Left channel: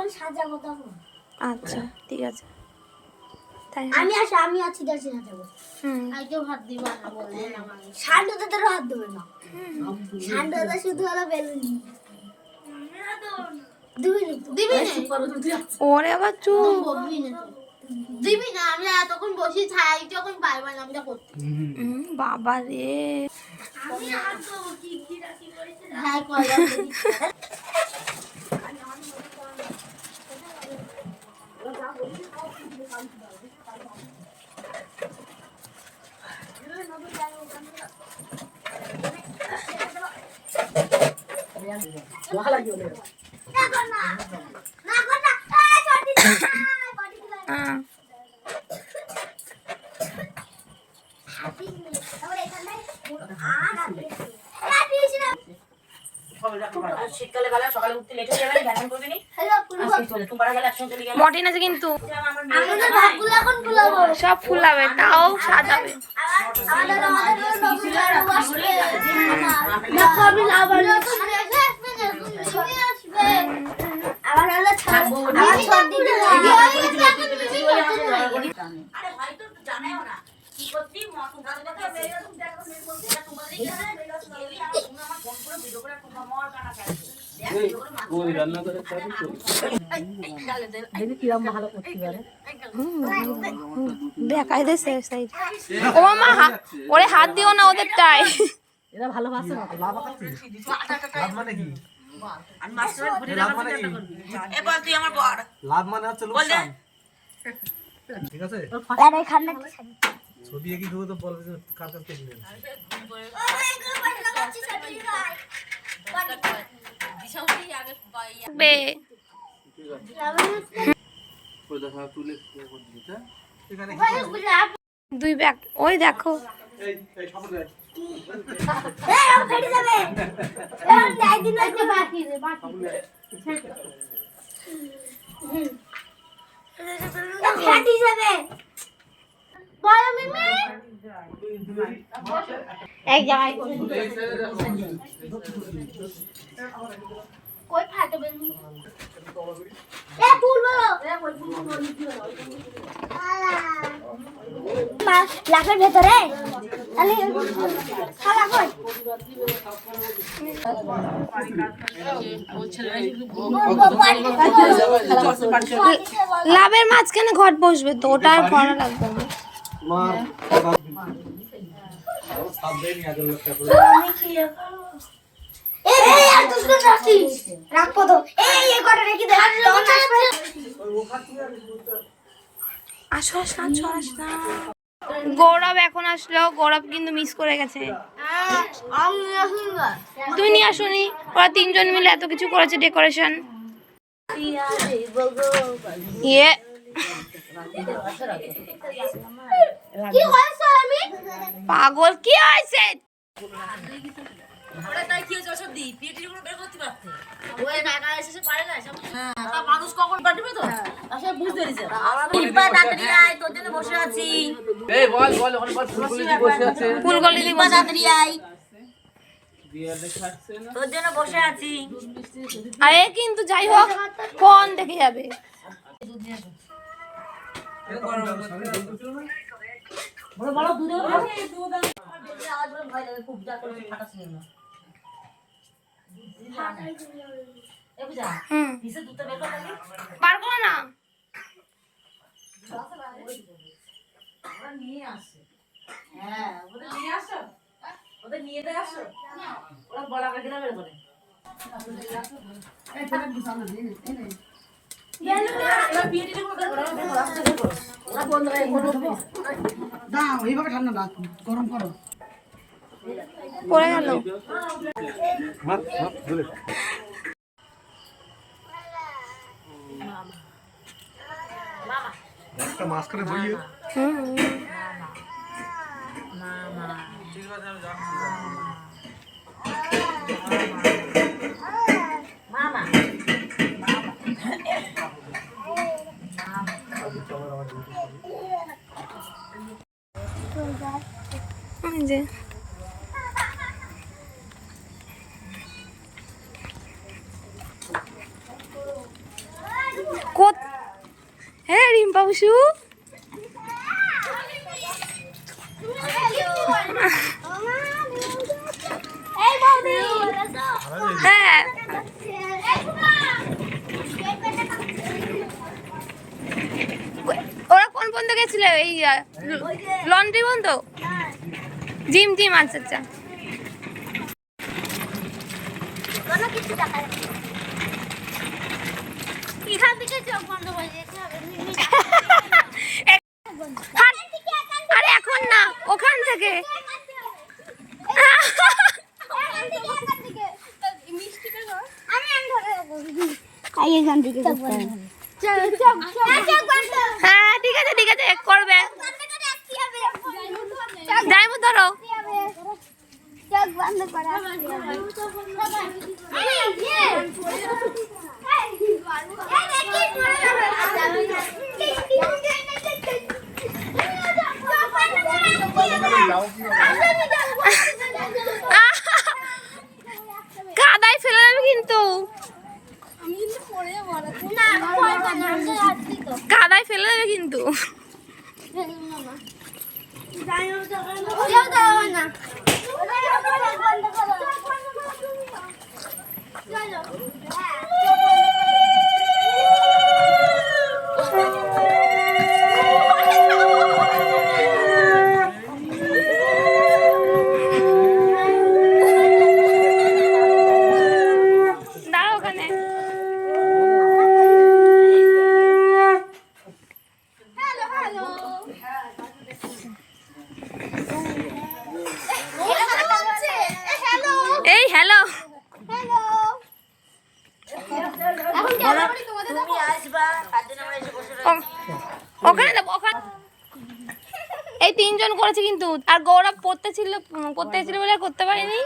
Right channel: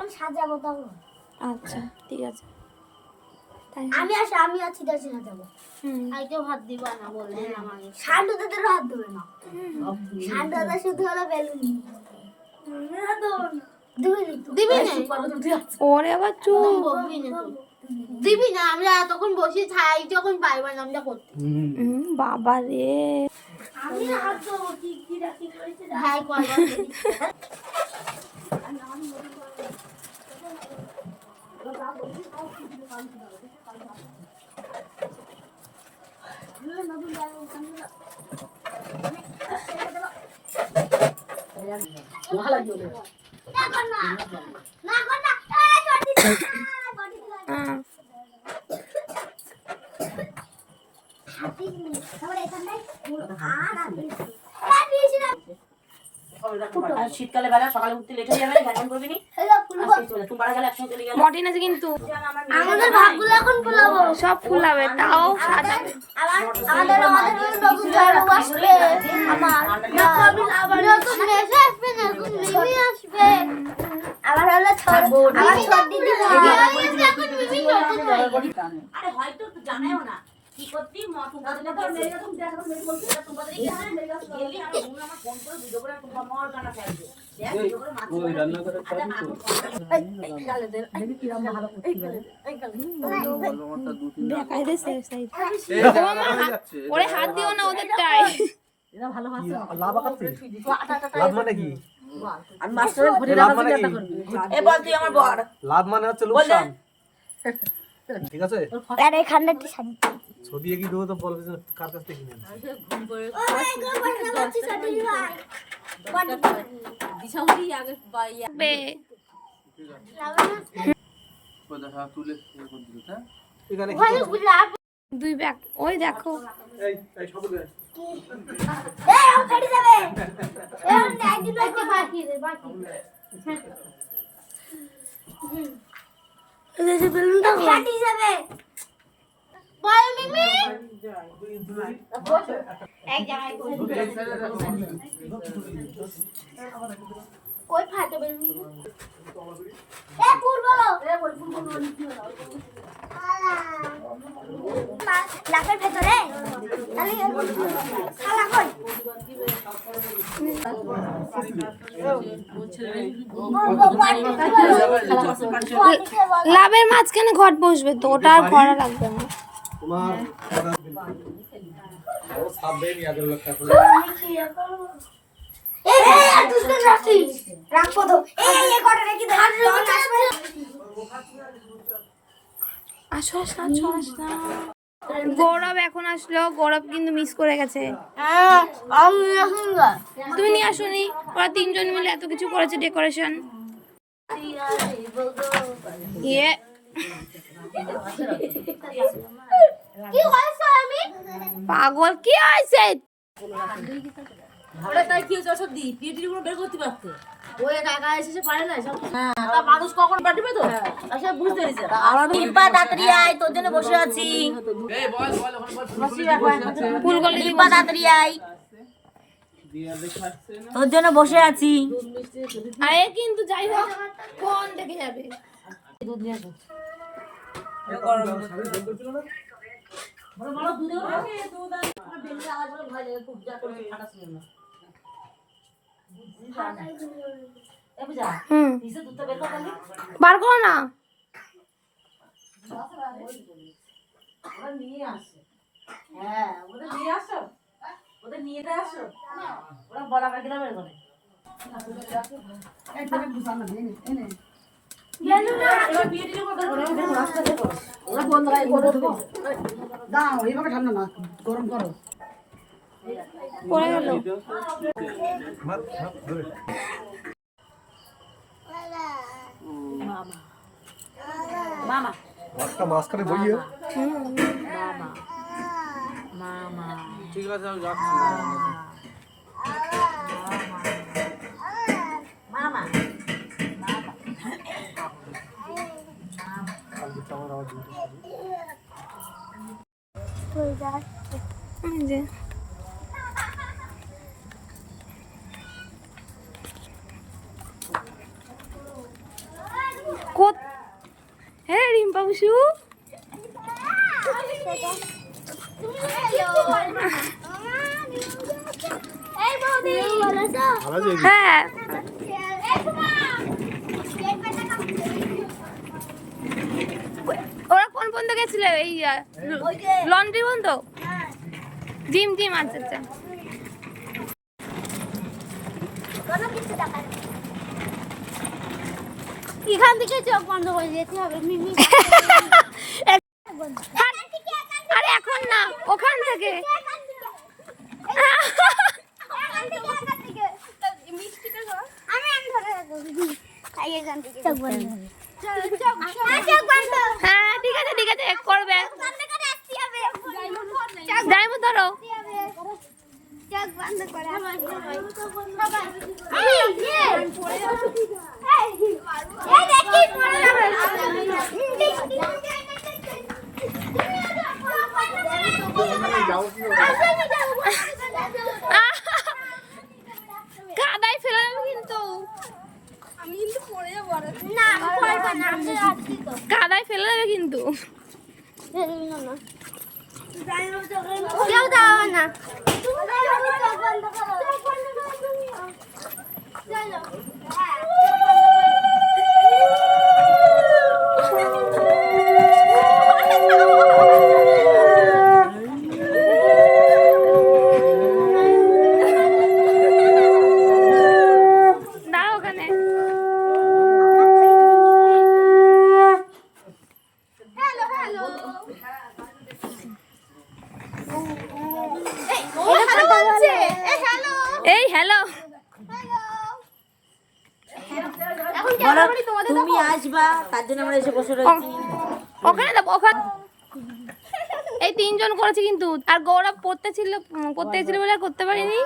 যখন সাজাবো তখন। আচ্ছা ঠিক আছে। তাই আমি আছি দেশে সাজাবো। কেউ হাত দিবা না বললে শান্ডু দাদারও হাত দেবে না। শান্ডু দাদা শুধু হলো বেলুন দিবি না। ওরে আবার চুপ দিবি না। আমি তখন বসে ছাই যখন পাইবা না আমরা করতে। বাবা রে আমি হাত দেবো কি রাখি করেছে। হ্যাঁ কয়লা শীতকালে বেলা সকালে উঠতে লেট হয়ে যাবে, ব্যায়াম করবি নি। গেলে একসঙ্গে চলে যাবে। মর্টিন আছে কিন্তু আমাদের ভাগগুলো এখন ফুলাবো। সব ফুলাবে তাও সাজাবে। আমাদের বাবু ঝাড়ু আসবে। আবার আসবে আবার হলো আবার ছোট দিদি আরে হয়তো জানাইও না কি করতি তোমরা যদি এরকম দেখো মেয়ে বলতে এটা তোমাদের এখানে গেলি আমার বন্ধু আমার ফোন করে ভিডিও করে তোমরা মর গানা ফেল দেখ ভিডিও করে ওই রান্না করে খাবি তো গালে দে আমি কি রাম ভালো করতে পারে দেখাই দে সেফ সাইড। ও মামা ওরে হাত দিও না ওদেরটাই। এরা ভালোবাসে লাভ আছে লাভ মানে কি আর মাস্টারের ঘুরে রাখার চেষ্টা করবি এ বল তুই আমার বড় লাভ মানে হচ্ছে লোকসান ঠিক আছে। আরে খান্ডা কি শাড়ি ছবি কি দেবো তো বলবে যে কার কাছ থেকে নেন বে ওই দেখা তুলে কোন দিল তা এখানে দুই ব্যাগ ওই দেখো এই সাবুন রে এই ও ফেটে যাবে। এই যাই দিন একটা বাকি রে বাকি এই যে বেলুনটা ফেটে যাবে। বল মিমি এক জায়গায় ওই ফাটে বেলুন এ ফুল বলো এ ওই ফুল লাখের ভেতরে তাহলে খালা কই লাভের মাঝখানে ঘট বসবে তো ওটা আর করা লাগবে না। তোমার সাব দেই নি আদর লক্ষ্য করে এই আর দুসরা রাখিস রাখবো তো এই কটা রেখে দে তখন আসবে। আসো আসো আসো। গৌরব এখন আসলো, গৌরব কিন্তু মিস করে গেছে। আমি রাখুঙ্গা তুই নিয়ে আসুনি, ওরা তিনজন মিলে এত কিছু করেছে ডেকোরেশন। ইয়ে কি হইছে আমি পাগল কি হয়েছে? ওরা তাই কি হচ্ছে সব দি পিটির উপর বের করতে পারতো ওই একা একা এসে পারে না সব তা মানুষ কখন পাঠিবে তো আসলে বুঝতে দিছে আমার নিপা তাড়াতাড়ি আয় তোর জন্য বসে আছি এই বল বল ওখানে বল ফুলগুলি বসে আছে ফুলগলি নিপা তাড়াতাড়ি আয় তোর জন্য বসে আছি আরে কিন্তু যাই হোক কোন দেখে যাবে। বড় বড় দুধে খাবে দুধ আমার বেলে আওয়াজ করে ভয় লাগে খুব যা করে ফাটাস না এ বুঝা নিচে দুধটা বের কর খালি বার করো না। ওরা নিয়ে আসে হ্যাঁ ওদের নিয়ে আসো ওদের নিয়ে দে আসো ওরা বলা কাকে না বের করে পড়ে গেল। একটা মাঝখানে বইয়ে ঠিক আছে আমি যাচ্ছি মামা ওই যে ডিম্পা বসু। হ্যাঁ ওরা কোন পর্যন্ত গেছিল? এই লন্ড্রি পর্যন্ত? জিম জিম, আচ্ছা আচ্ছা। এখান থেকে চোখ বন্ধ করে যেতে হবে। আরে এখন না, ওখান থেকে। হ্যাঁ ঠিক আছে ঠিক আছে, করবে। যাইবো ধরো। কাদায় ফেলে দেবে কিন্তু, কাদায় ফেলে দেবে কিন্তু। দাঁড়া ওখানে। এই হ্যালো, তুমি আসবা তার জন্য আমরা এসে বসে রয়েছি। ওখানে যাবো ওখানে। এই তিনজন করেছে কিন্তু, আর গৌরব করতে ছিল বলে আর করতে পারিনি।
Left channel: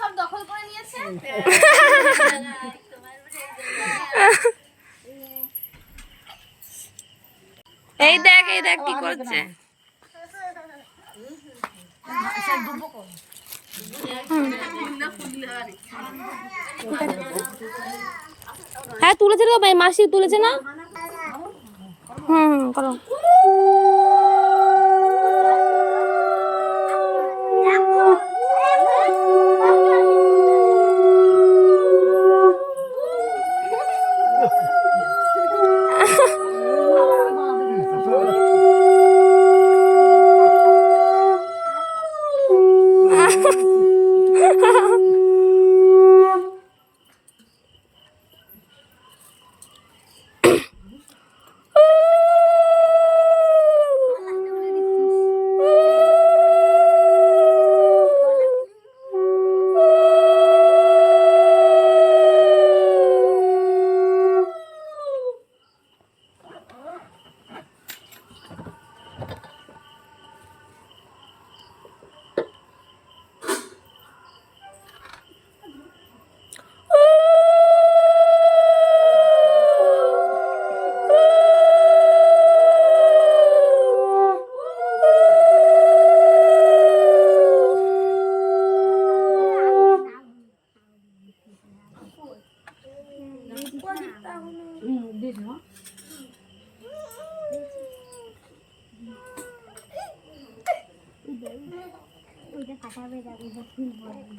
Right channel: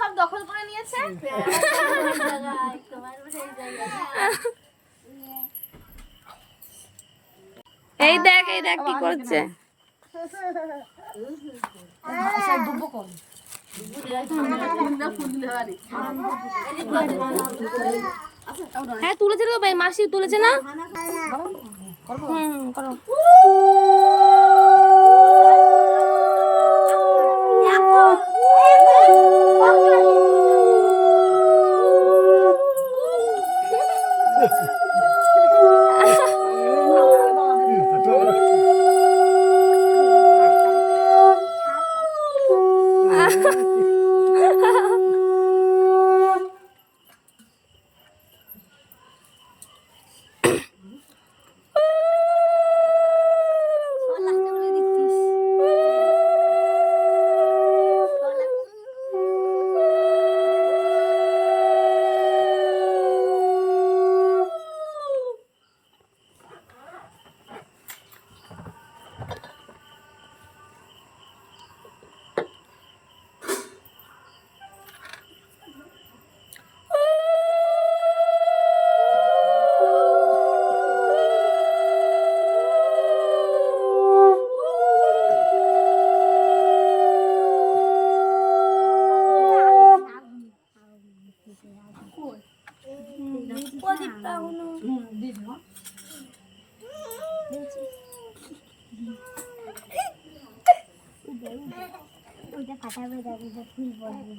সব দখল করে নিয়েছে। এই দেখ কি করছে। হ্যাঁ তুলেছে তো ভাই, মাসি তুলেছে না? করো।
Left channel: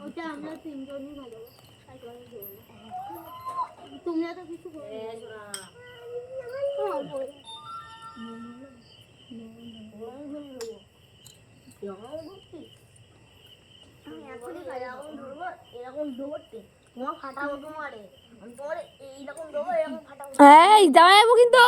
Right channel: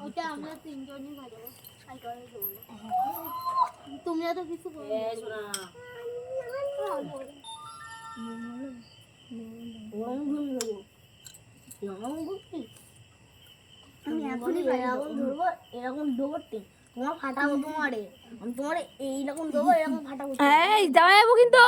ওটা আমরা তিনজনই ভালো। তুমিও তো কিছু এরকম দৌড়তে তোমার ফাটাবো, তোমারে তোমার এইরকম দৌড় এরকম ফাটাবো। এই যাওয়া যাবো কিন্তু।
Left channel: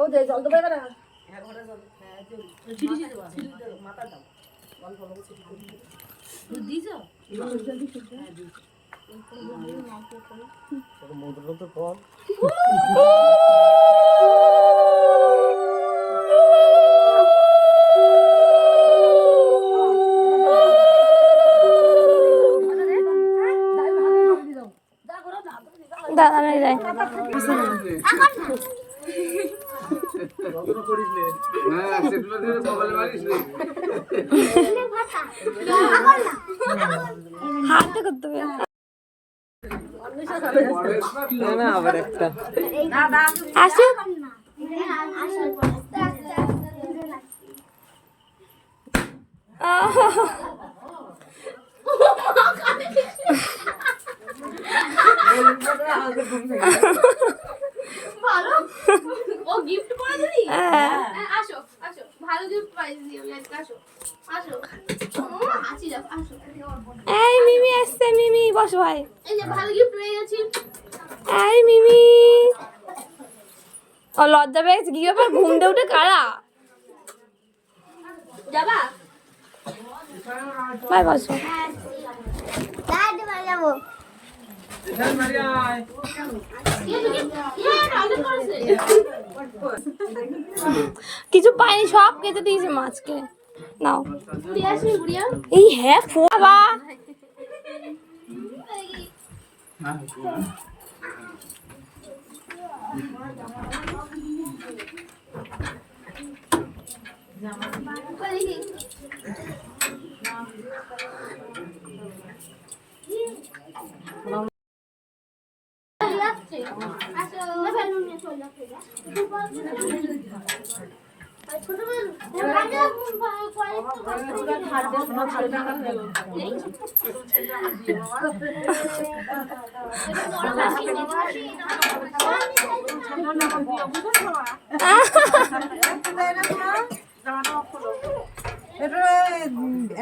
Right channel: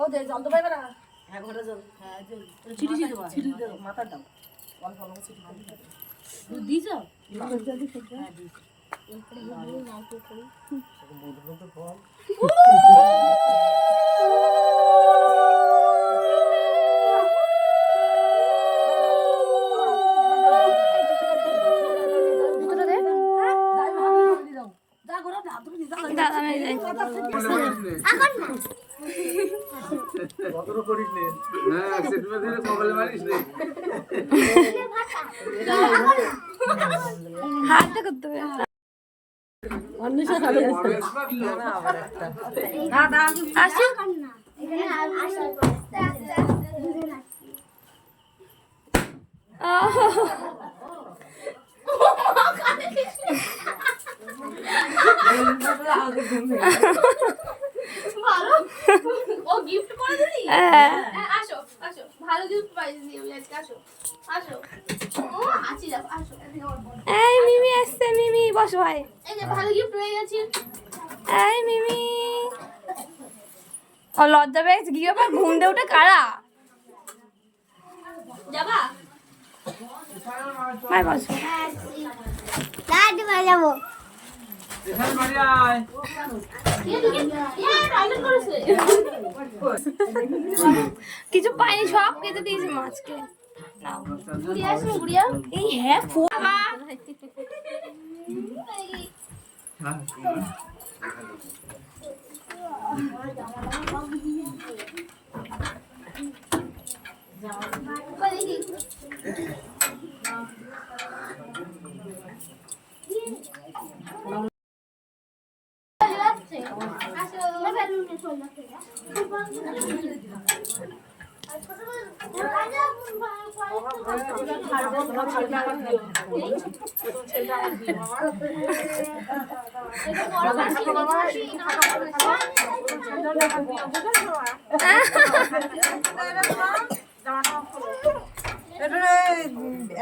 ও দে জল তো পাইবে না। ছিটি ছিটি দাও মাথা দাও অল্প অল্প ছিটি দাও দিছো দাদা আমি যাই। হাতে করতে হবে। আসুক। ও গিফট করে দিলি? আসো আসো, ভালো গিফট পাইছি আমি আজকে। আসো আসো, আসি যাও, আসো। এই মিমি আসছে, মিমি বসো ভাই। এই যে ভালো গিফট পেয়ে গেছি। এই মিমি, ও লজ্জা পেয়ে গেছে। কি ব্যাপার, ঘুম দিয়ে উঠে কারা? যাবা? ভাই বসো। যাবো। কিছু পাইনি, সব কেটে দিয়েছে মাছকে। নাও ঘুরিয়ে আসি, ঘুরিয়ে। এই হ্যাঁ বাবা,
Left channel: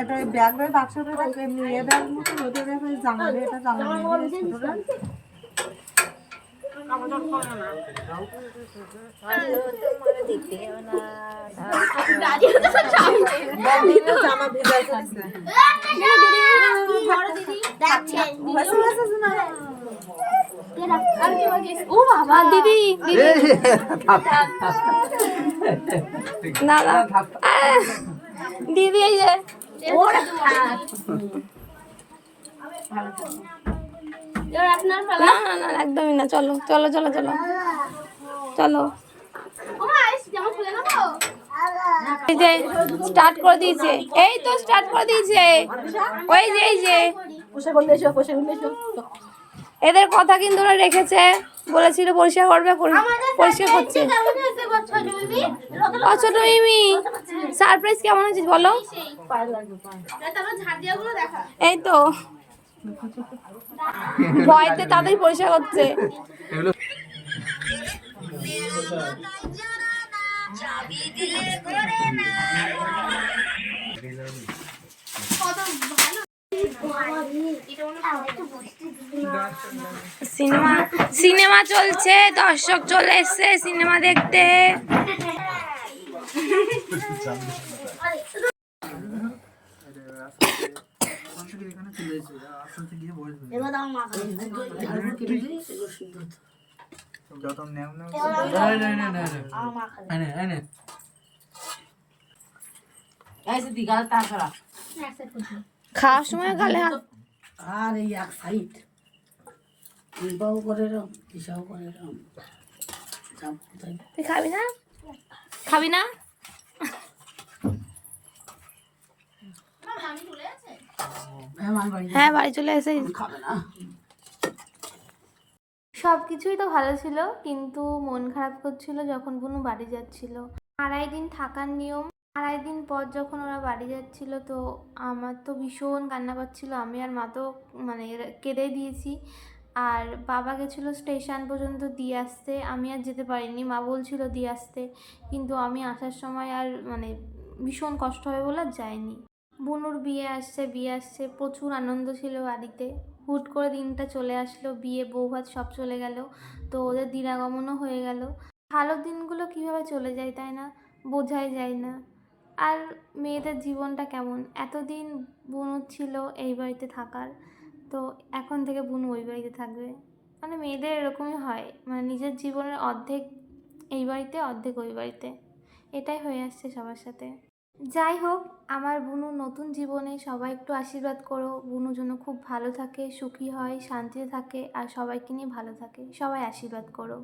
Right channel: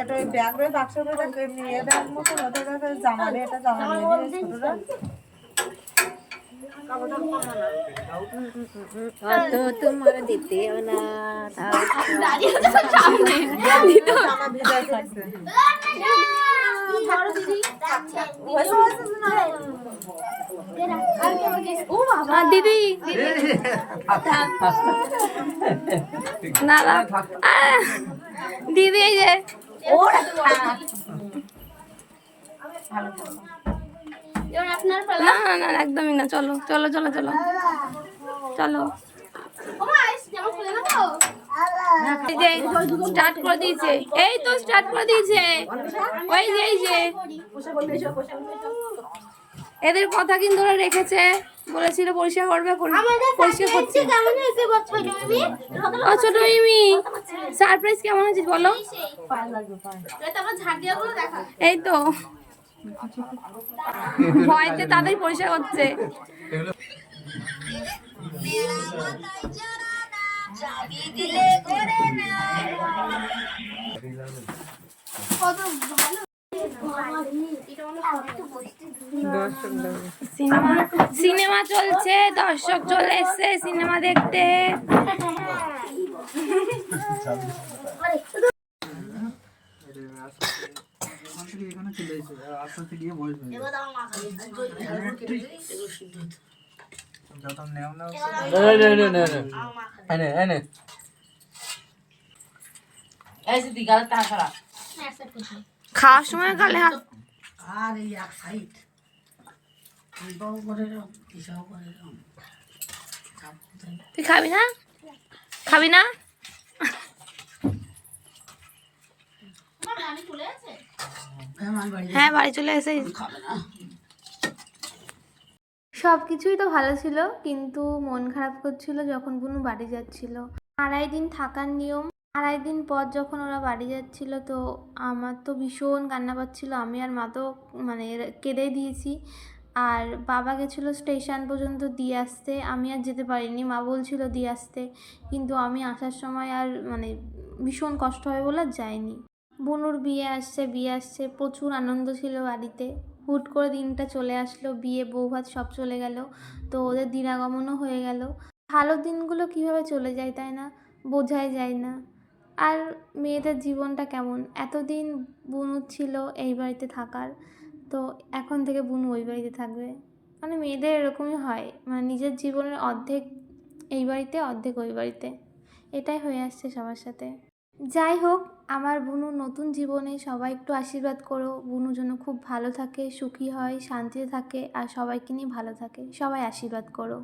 এটা ব্যাগ রয়ে বাক্সটা রাখে এমনি এ ব্যাগ মতো ওদের কাছে জামা নেই, এটা জামা নেই ছোটরা। দিদি না না, দিদি এই যে না না না একদমই না। চলো চলো চলো চলো চলো। এই যে স্টার্ট করে দিয়েছে, এই তো স্টার্ট করে দিয়েছে। ওই যে এই যে এদের কথা কিন্তু ওরা রেখেছে, বলেছিল পরিষ্কার করবে, পরিষ্কার করছে। ও ছোট মিমি, সারপ্রাইজ কেমন হয়েছে বলো? এই তো ভয়তে তাদের পরিষ্কার করছে। সিনেমা সিনেমা চলছে, দর্শক চলে এসছে সিনেমা দেখতে। খাওয়ার সময় গালে হাত। আর এই এক সাইড বাবু করে এরম হিসাব করে এরম। তুই খাবি না? খাবি না? হ্যাঁ বাড়ি চলে এসে সব কিছুই তো ভালো ছিল, কিন্তু মন খারাপ করছিল যখন বুনু বাড়ি যাচ্ছিল। 2.5 দিন থাকার নিয়ম। 2.5 দিন পর যখন ওরা বাড়ি যাচ্ছিল, তো আমার তো ভীষণ কান্না পাচ্ছিল। আমি আর মা তো মানে কেঁদেই দিয়েছি। আর বাবা গেছিলো স্টেশন পর্যন্ত দিয়ে আসতে, আমি আর যেতে পারিনি। মা বলছিল দিয়ে আসতে, কিন্তু আমি আসার সময় আর মানে ভীষণ কষ্ট হয় বলে আর যাইনি। বুনুর বিয়ে আসছে, প্রচুর আনন্দ ছিল বাড়িতে। হুট করে দিনটা চলে আসলো, বিয়ে বৌভাত সব চলে গেল, তো ওদের দিনাগমনও হয়ে গেল। ভালো দিনগুলো কীভাবে চলে যায় তাই না, বোঝাই যায় না। আর মেয়েদের জীবনটা কেমন, এতদিন বুনুর ছিল এই বাড়িতে থাকার, তো এখন থেকে বুনু ওই বাড়িতে থাকবে। মানে মেয়েদের এরকমই হয়, মানে নিজের জীবনের অর্ধেক এই বাড়িতে অর্ধেক ওই বাড়িতে, এটাই হয়ে আসছে সবার সাথে। যাই হোক, আমার বুনু নতুন জীবনে সবাই একটু আশীর্বাদ করো, বুনু যেন খুব ভালো থাকে, সুখী হয়, শান্তিতে থাকে আর সবাইকে নিয়ে ভালো থাকে, সবাই আশীর্বাদ করো।